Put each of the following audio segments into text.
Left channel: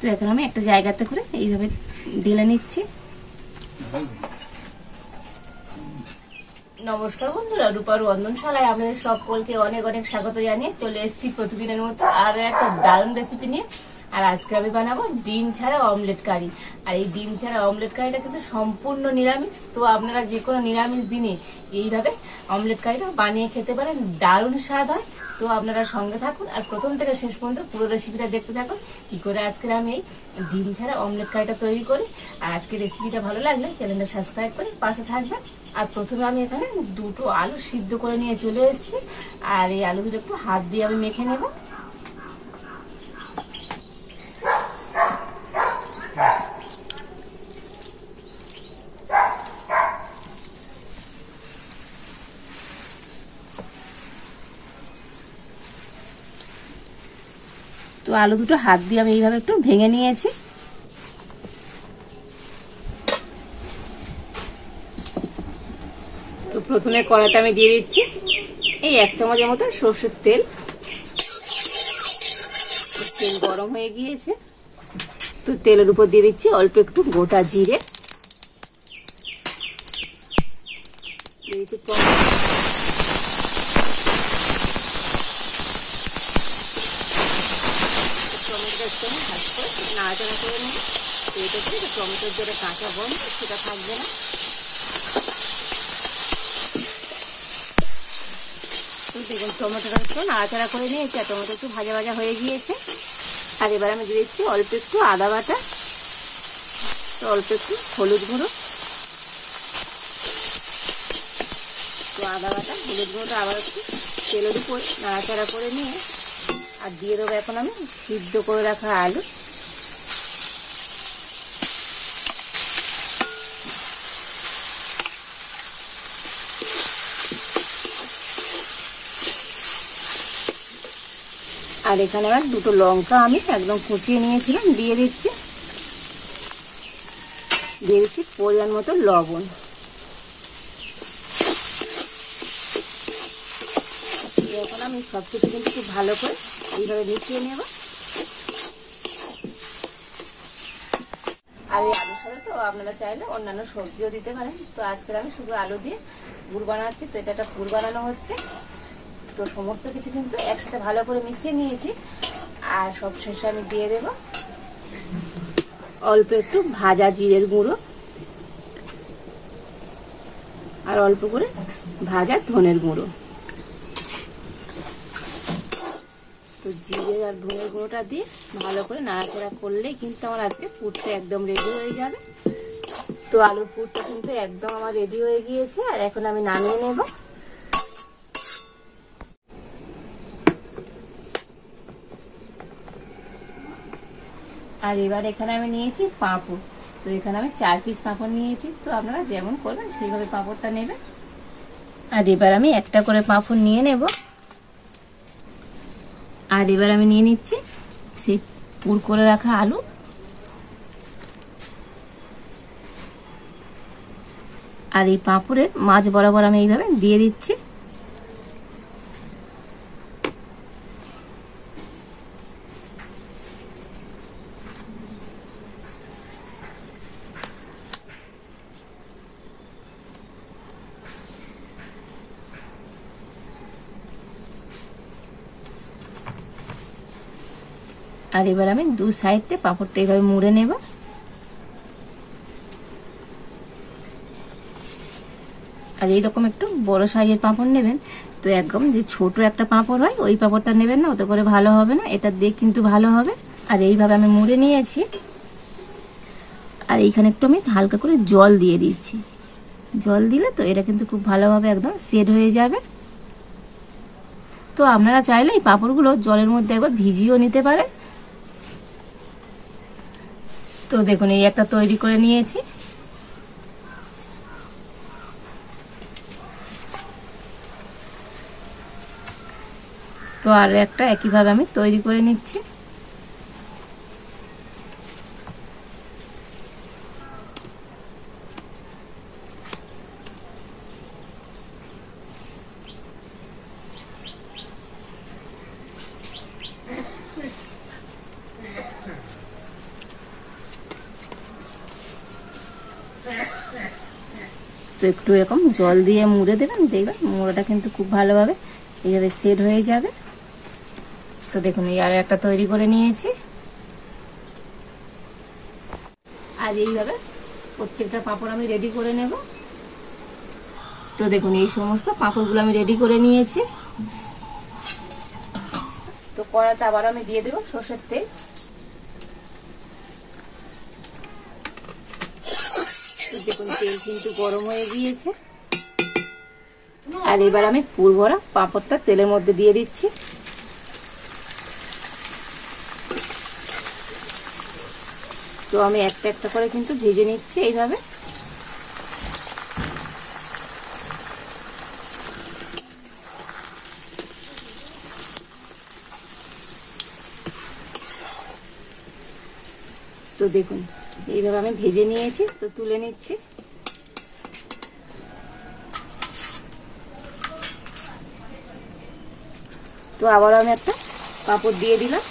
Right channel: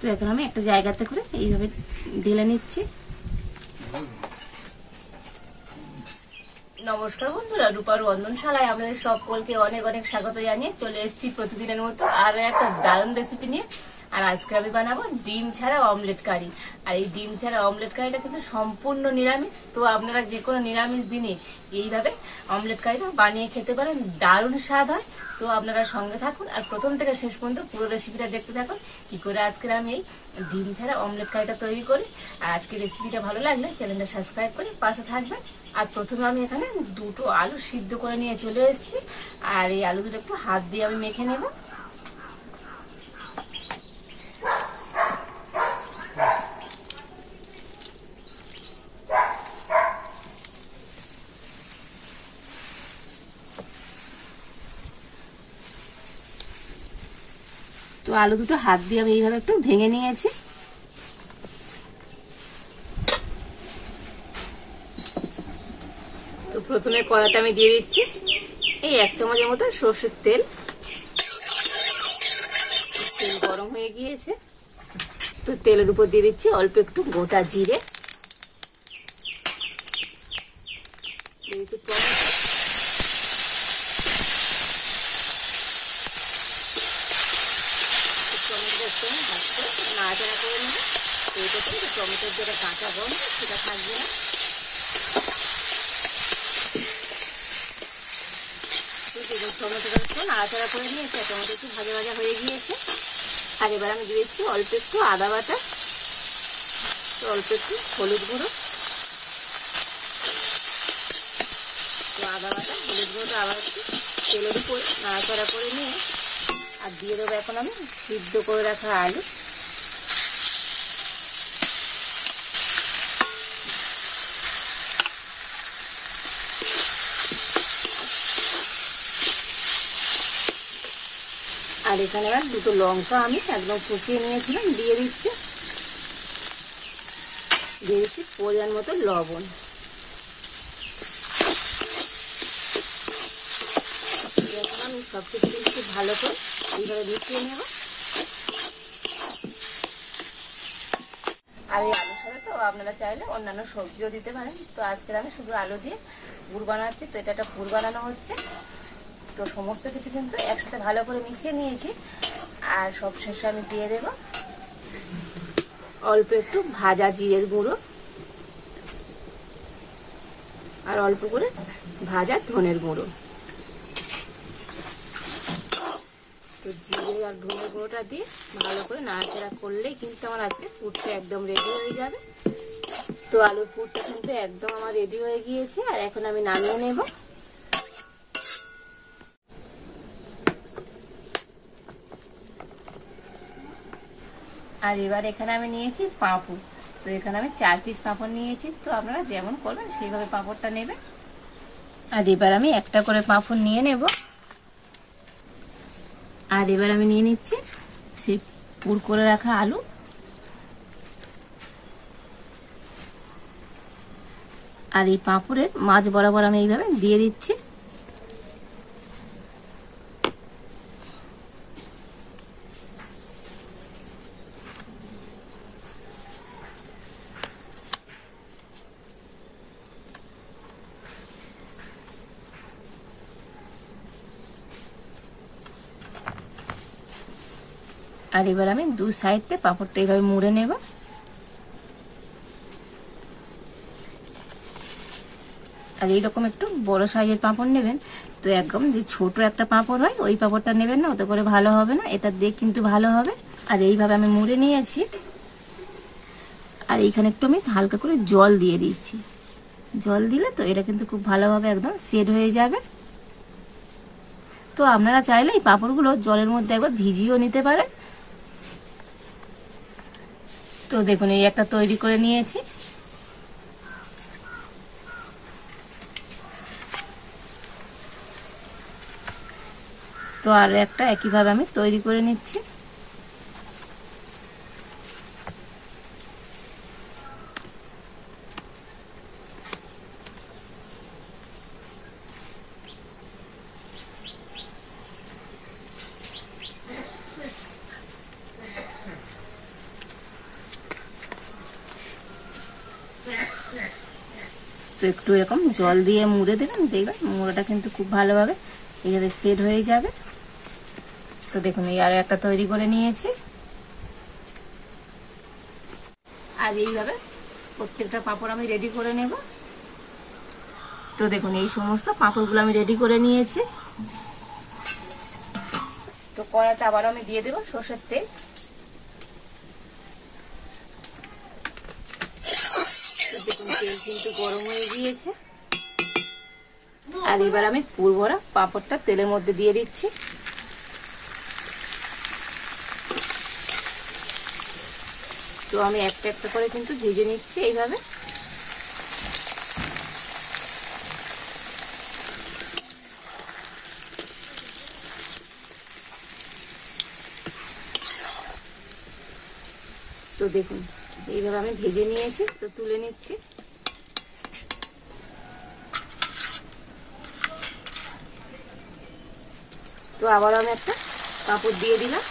তো এখন আমি একটা জায়গাতে করে এইভাবে ঢেলে নিচ্ছি। নমস্কার বন্ধুরা, রূপার রন্ধনশালায় আপনাদের সকলকে অনেক অনেক স্বাগত জানিয়ে চলে এসেছি প্রতিদিনের মতো আরো একটা দারুণ রেসিপি নিয়ে। আর আজকে আমি বানাবো ডিম ছাড়া অমলেট কারি। আর এই ডিম ছাড়া অমলেট কারিটা কিন্তু সম্পূর্ণ নিরামিষ। তো আপনারা যে কোনো নিরামিষ দিনে এইভাবে অমলেট কারিটা বানিয়ে খেতে পারেন, দারুণ স্বাদ হয়। তো আপনারা সঙ্গে থাকুন আর প্রথম থেকে শেষ পর্যন্ত পুরো রেসিপিটা দেখতে থাকুন, কি করে আজকের আমি এই ডিম ছাড়া অমলেট কারিটা তৈরি করি। আর আজকের রেসিপিটা ভালো লাগলে চ্যানেলটা সাবস্ক্রাইব করে পাশে থাকবেন। আর প্রথমে আমি এখানে দুটো আলু সিদ্ধ করে নিয়ে চলে এসেছি। আর এই আলু দুটো একটু হাত দিয়ে আমি মেখে নেব। তো আলু দুটো হাত দিয়ে আমি এইভাবে একটু ভেঙে নিয়েছি। তো প্রথমে কড়াতে আমি দিয়ে দিচ্ছি এই 1 চামচের মতো সরষের তেল। তেল গরম হয়ে গিয়েছে, তো তেলের উপর দিয়ে দিচ্ছি অল্প একটু গোটা জিরে, নাড়াচাড়া করে নেব। তো এটা করে টমেটোর যেটা কাঁচা গন্ধ সেটা থাকবে না। দেখুন টমেটোটা একটু নাড়াচাড়া করে নিয়েছি, আর টমেটো একটু ভাজা ভাজা হয়ে গিয়েছে। আর এবার আমি দিয়ে দিচ্ছি অল্প একটু আদা বাটা, তো অল্প একটু হলুদ গুঁড়ো, আদা বাটা হলুদ গুঁড়োটা আবার একটু তেলের উপর নাড়াচাড়া করে নিয়ে আর দিয়ে দেবো এখন আমি সিদ্ধ করে রাখা আলু। আর এখানে আর দুটো লঙ্কা আমি একদম কুচিয়ে নিয়েছিলাম দিয়ে দিচ্ছি। দিয়ে দিচ্ছি পরিমাণ মতো লবণ। এখন আমি সব কিছু কিন্তু খুব ভালো করে এইভাবে মিশিয়ে নেব। আর এই আলুর সাথে তো আপনারা চাইলে অন্যান্য সবজিও দিতে পারেন। তো আজকে আমি শুধু আলু দিয়ে পুর বানাচ্ছি। তো এটা একটা পুর বানানো হচ্ছে। তো সমস্ত কিছু কিন্তু একসাথে ভালো করে মিশিয়ে নিয়েছি। আর সব শেষে আমি দিয়ে দেব অল্প একটু ভাজা জিরের গুঁড়ো আর অল্প করে ভাজা ধনের গুঁড়ো। তো জিরে আর ধনের গুঁড়োটা দিয়ে ভালো করে নাড়াচাড়া করলেই কিন্তু আমার আজকে পুরটা একদম রেডি হয়ে যাবে। তো আলুর পুরটা কিন্তু একদম আমার রেডি হয়ে গিয়েছে। আর এখন আমি নামিয়ে নেব। আর এবার এখানে আমি নিয়েছি পাঁপড়। তো এখানে আমি 4 পিস পাঁপড় নিয়েছি। তো আপনারা যেমন করবেন সেইভাবে পাঁপড়টা নেবেন। আর এবার আমি একটা করে পাঁপড় নিয়ে নেব। আর এবার আমি নিয়ে নিচ্ছি সেই পুর করে রাখা আলু। আর এই পাঁপড়ের মাঝ বরাবর আমি এইভাবে দিয়ে দিচ্ছি। আর এবার আমি দু সাইডে পাঁপড়টা এইভাবে মুড়ে নেব। আর এইরকম একটু বড় সাইজের পাঁপড় নেবেন। তো একদম যে ছোট একটা পাঁপড় হয় ওই পাঁপড়টা নেবেন না, ওতে করে ভালো হবে না। এটা দেখ কিন্তু ভালো হবে। আর এইভাবে আমি মুড়ে নিয়েছি। আর এইখানে একটু আমি হালকা করে জল দিয়ে দিচ্ছি। জল দিলে তো এটা কিন্তু খুব ভালোভাবে একদম সেট হয়ে যাবে। তো আপনারা চাইলে এই পাঁপড়গুলো জলের মধ্যে একবার ভিজিয়েও নিতে পারেন। তো দেখুন এই একটা তৈরি করে নিয়েছি। তো আর একটা একইভাবে আমি তৈরি করে নিচ্ছি। তো একটু এরকম জল দিয়ে মুড়ে দেবেন, দেখবেন মুড়োটা কিন্তু খুব ভালোভাবে এইভাবে সেট হয়ে যাবে। তো দেখুন এই আর একটা তৈরি করে নিয়েছি। আর এইভাবে প্রত্যেকটা পাঁপড় আমি রেডি করে নেব। তো দেখুন এই সমস্ত পাঁপড়গুলো আমি রেডি করে নিয়েছি। তো কড়াতে আবার আমি দিয়ে দেব সরষের তেল। দেখুন তেল কিন্তু গরম হয়ে গিয়েছে। আর এবার আমি পুর ভরা পাঁপড়টা তেলের মধ্যে দিয়ে দিচ্ছি। তো আমি একটা একটা করে কিন্তু ভেজে নিচ্ছি এইভাবে। তো দেখুন এইভাবে আমি ভেজে নিয়েছি। তো তুলে নিচ্ছি। তো আবার আমি একটা পাঁপড় দিয়ে দিলাম।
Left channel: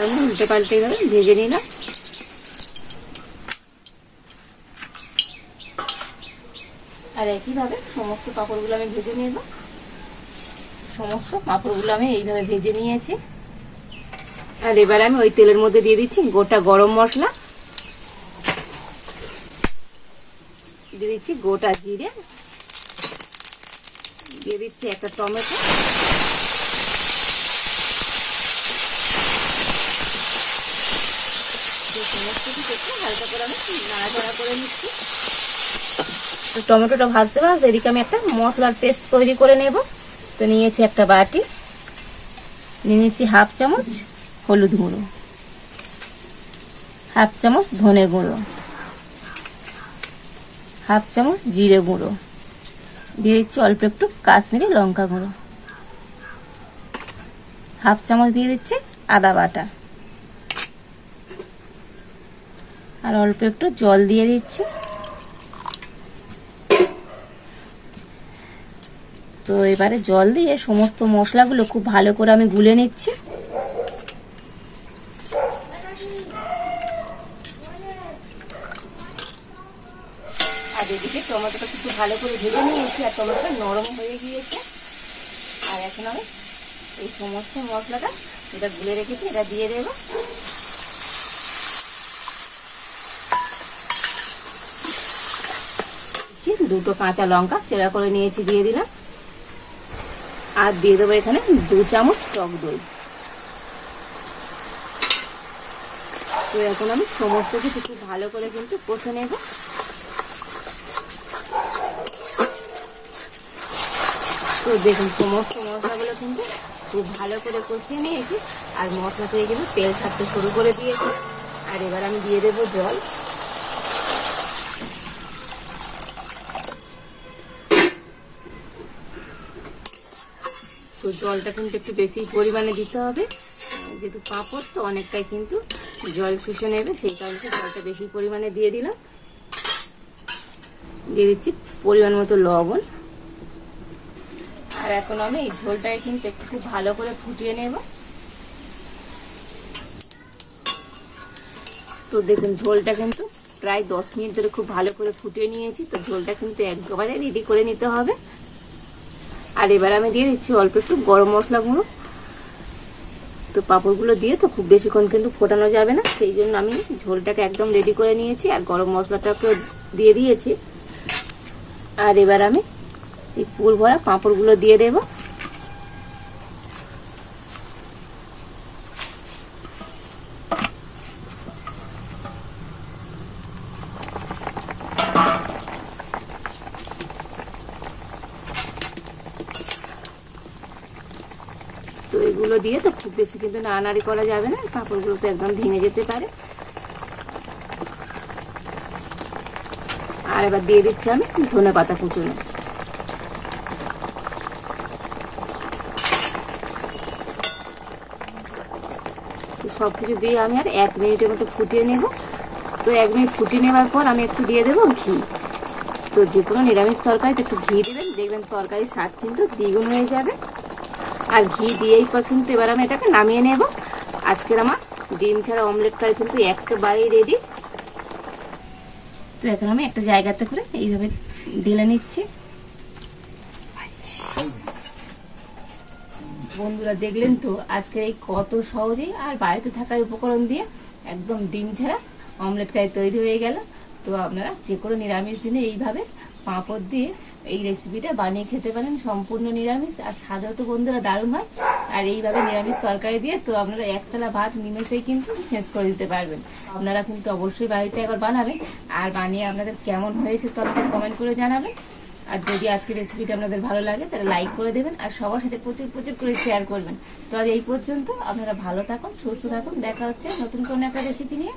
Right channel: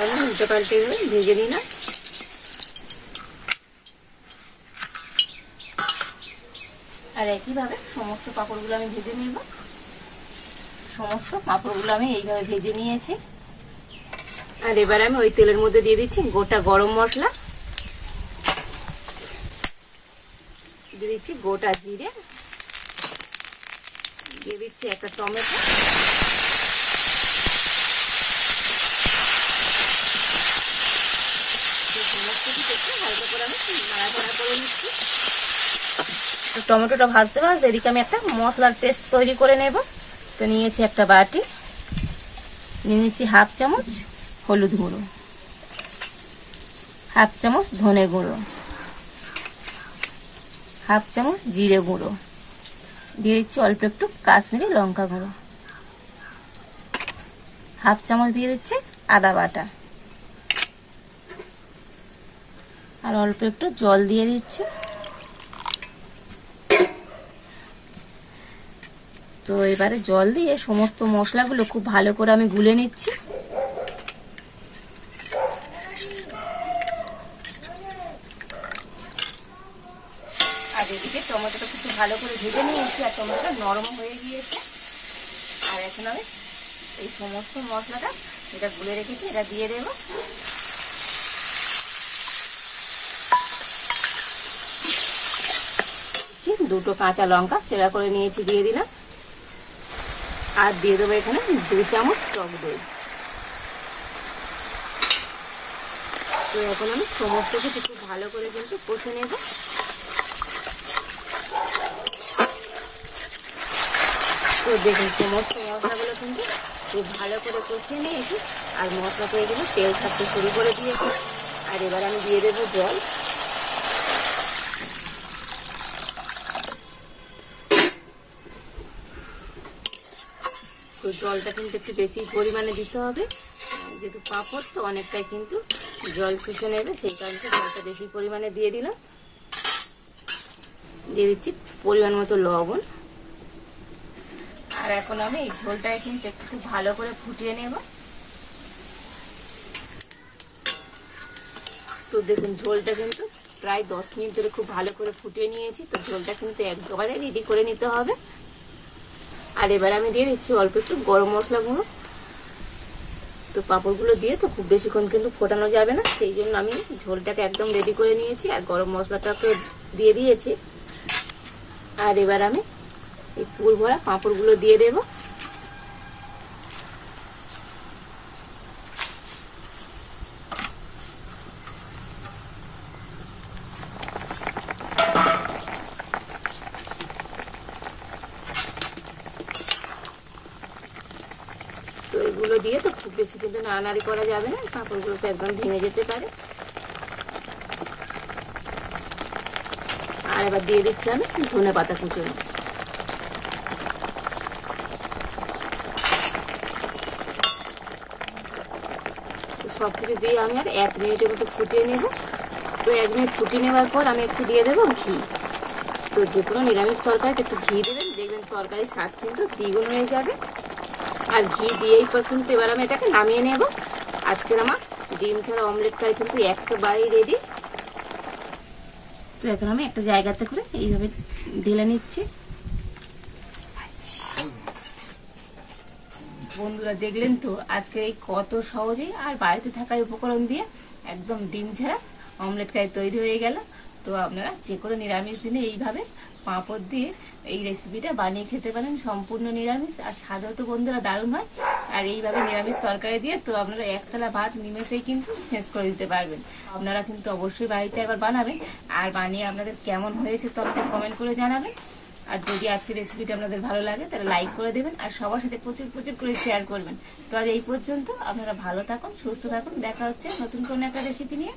আমি উল্টে পাল্টে এইভাবে ভেজে নিলাম। আর একইভাবে সমস্ত পাঁপড়গুলো আমি ভেজে নিব। সমস্ত পাঁপড়গুলো আমি এইভাবে ভেজে নিয়েছি। আর এবার আমি ওই তেলের মধ্যে দিয়ে দিচ্ছি গোটা গরম মশলা, দিয়ে দিচ্ছি গোটা জিরে, দিয়ে দিচ্ছি একটা টমেটো, সমস্ত কিছু একটু হালকা করে আমি নাড়াচাড়া করে নিচ্ছি। টমেটোটা ভাজতে ভাজতে এদিকে আমি একটা মশলার পেস্ট তৈরি করে নেব। তো নিয়েছি একটা বাটি, নিয়ে নিচ্ছি হাফ চামচ হলুদ গুঁড়ো, হাফ চামচ ধনে গুঁড়ো, হাফ চামচ জিরে গুঁড়ো, দিয়ে দিচ্ছি অল্প একটু কাশ্মীরি লঙ্কা গুঁড়ো, হাফ চামচ দিয়ে দিচ্ছি আদা বাটা, আর অল্প একটু জল দিয়ে দিচ্ছি। তো এবারে জল দিয়ে সমস্ত মশলাগুলো খুব ভালো করে আমি গুলে নিচ্ছি। আর এদিকে টমেটোটা খুব ভালো করে ভেজে নিয়েছি, আর টমেটোটা নরম হয়ে গিয়েছে। আর এখন আমি এই সমস্ত মশলাটা যেটা গুলে রেখেছি এটা দিয়ে দেবো। দুটো কাঁচা লঙ্কা চেরা করে নিয়েছি দিয়ে দিলাম। আর দিয়ে দেবো এখানে 2 চামচ টক দই। তো এখন আমি সমস্ত কিছু খুব ভালো করে কিন্তু কষে নেব। তো দেখুন সমস্ত মশলাগুলো কিন্তু খুব ভালো করে কষিয়ে নিয়েছি, আর মশলা থেকে কিন্তু তেল ছাড়তে শুরু করে দিয়েছি। আর এবার আমি দিয়ে দেবো জল। তো জলটা কিন্তু একটু বেশি পরিমাণে দিতে হবে, যেহেতু পাঁপড় তো অনেকটাই কিন্তু জল শুষে নেবে, সেই কারণে জলটা বেশি পরিমাণে দিয়ে দিলাম। দিয়ে দিচ্ছি পরিমাণ মতো লবণ। আর এখন আমি এই ঝোলটাকে কিন্তু একটু খুব ভালো করে ফুটিয়ে নেব। তো দেখুন ঝোলটা কিন্তু প্রায় 10 মিনিট ধরে খুব ভালো করে ফুটিয়ে নিয়েছি। তো ঝোলটা কিন্তু একবারে রেডি করে নিতে হবে। আর এবার আমি দিয়ে দিচ্ছি অল্প একটু গরম মশলা গুঁড়ো। তো পাঁপড়গুলো দিয়ে তো খুব বেশিক্ষণ কিন্তু ফোটানো যাবে না, সেই জন্য আমি ঝোলটাকে একদম রেডি করে নিয়েছি, আর গরম মশলাটাকে দিয়ে দিয়েছি। আর এবার আমি এই পুর ভরা পাঁপড়গুলো দিয়ে দেব। তো এগুলো দিয়ে তো খুব বেশি কিন্তু নাড়ানাড়ি করা যাবে না, পাঁপড়গুলো তো একদম ভেঙে যেতে পারে। আর এবার দিয়ে দিচ্ছি আমি ধনেপাতা কুচুনো। তো সবকিছু দিয়ে আমি আর 1 মিনিটের মতো ফুটিয়ে নেব। তো 1 মিনিট ফুটিয়ে নেওয়ার পর আমি একটু দিয়ে দেবো ঘি। তো যে কোনো নিরামিষ তরকারিতে একটু ঘি দেবেন, দেখবেন তরকারির স্বাদ কিন্তু দ্বিগুণ হয়ে যাবে। আর ঘি দিয়েই পর কিন্তু এবার আমি এটাকে নামিয়ে নেব। আজকের আমার ডিম ছাড়া অমলেট কারি কিন্তু একেবারেই রেডি। তো এখন আমি একটা জায়গাতে করে এইভাবে ঢেলে নিচ্ছি। বন্ধুরা দেখলেন তো আজকে এই কত সহজেই আর বাড়িতে থাকা উপকরণ দিয়ে একদম ডিম ছাড়া অমলেট কারি তৈরি হয়ে গেল। তো আপনারা যে কোনো নিরামিষ দিনে এইভাবে পাঁপড় দিয়ে এই রেসিপিটা বানিয়ে খেতে পারেন, সম্পূর্ণ নিরামিষ আর স্বাদও তো বন্ধুরা দারুণ হয়। আর এইভাবে নিরামিষ তরকারি দিয়ে তো আপনারা একতলা ভাত নিমেষেই কিন্তু শেষ করে দিতে পারবেন। আপনারা কিন্তু অবশ্যই বাড়িতে একবার বানাবেন, আর বানিয়ে আপনাদের কেমন হয়েছে তো আমাকে কমেন্ট করে জানাবেন। আর যদি আজকের রেসিপিটা আপনাদের ভালো লাগে তাহলে লাইক করে দেবেন, আর সবার সাথে প্রচুর প্রচুর করে শেয়ার করবেন। তো আজ এই পর্যন্ত, আপনারা ভালো থাকুন, সুস্থ থাকুন, দেখা হচ্ছে নতুন কোনো একটা রেসিপি নিয়ে।